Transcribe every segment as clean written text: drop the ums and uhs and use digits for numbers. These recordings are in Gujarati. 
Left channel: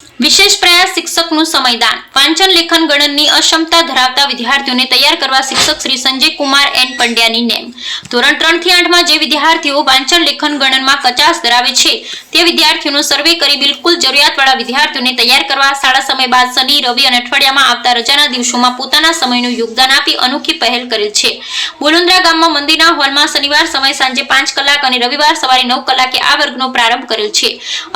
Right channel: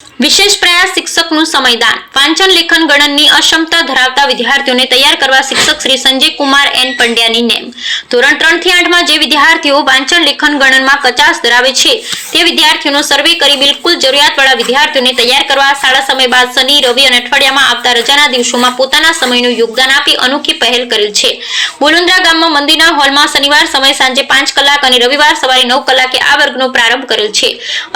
વિશેષ પ્રયાસ શિક્ષકનું સમયદાન વાંચન લેખન ગણનની અક્ષમતા ધરાવતા વિદ્યાર્થીઓને તૈયાર કરવા શિક્ષક શ્રી સંજય કુમાર એન પંડ્યાની નેમ। ધોરણ 3 થી 8 માં જે વિદ્યાર્થીઓ વાંચન લેખન ગણનમાં કચાશ ધરાવે છે તે વિદ્યાર્થીઓનો સર્વે કરી બિલકુલ જરૂરિયાતવાળા વિદ્યાર્થીઓને તૈયાર કરવા શાળા સમય બાદ શનિ રવિ અને અઠવાડિયામાં આવતા રજાના દિવસોમાં પોતાના સમયનું યોગદાન આપી અનોખી પહેલ કરેલ છે। બોલુન્દ્રા ગામમાં મંદિરના હોલમાં શનિવાર સમય સાંજે 5 કલાક અને રવિવાર સવારે 9 કલાકે આ વર્ગનો પ્રારંભ કરેલ છે।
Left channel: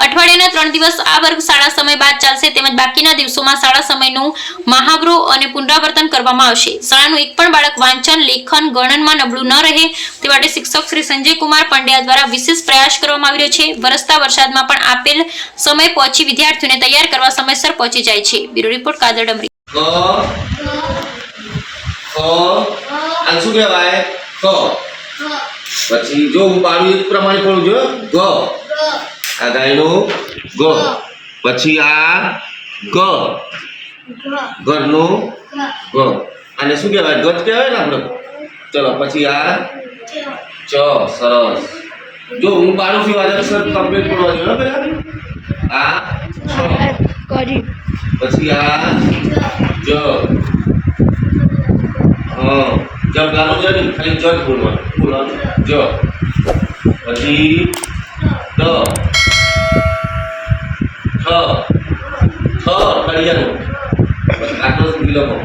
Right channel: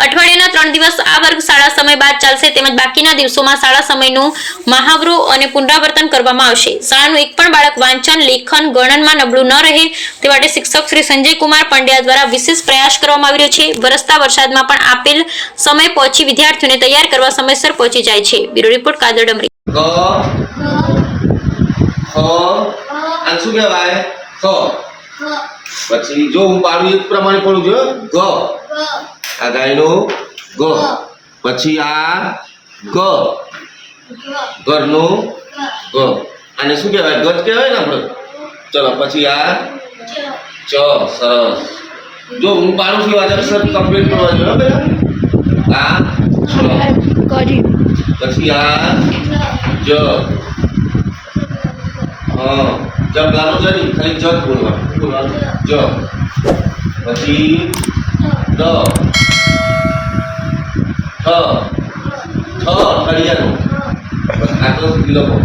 અઠવાડિયાના 3 દિવસ આ વર્ગ શાળા સમય બાદ ચાલશે તેમજ બાકીના દિવસોમાં શાળા સમયનું મહાવરો અને પુનરાવર્તન કરવામાં આવશે। શાળાનું એક પણ બાળક વાંચન લેખન ગણનમાં નબળું ન રહે તે માટે શિક્ષક શ્રી સંજય કુમાર પંડ્યા દ્વારા વિશેષ પ્રયાસ કરવામાં આવી રહ્યો છે। વરસતા વરસાદમાં પણ આપેલ સમય પહોંચી વિદ્યાર્થીઓને તૈયાર કરવા સમયસર પહોંચી જાય છે। Bureau report Kadar ડમરી। શું કહેવાય પછી જો હું પાડું એક પ્રમાણે પડું જો ગ આ ગાયનું ગ પછી આ ગ ઘરનું ગ આને શું કહેવાય ગજ કહેવાય ને આપણે। ચલો પછી આ ચ સરસ જો હું પાડું છું આજે સર કમ્પ્લીટ કરવા જોઈએ પેલા આ છ પછી આ જ હા जब गानो ज नहीं खाली ज बोलવાનું ज પછી ડ ઠ ઠ કડિયાનું આ તો લખો।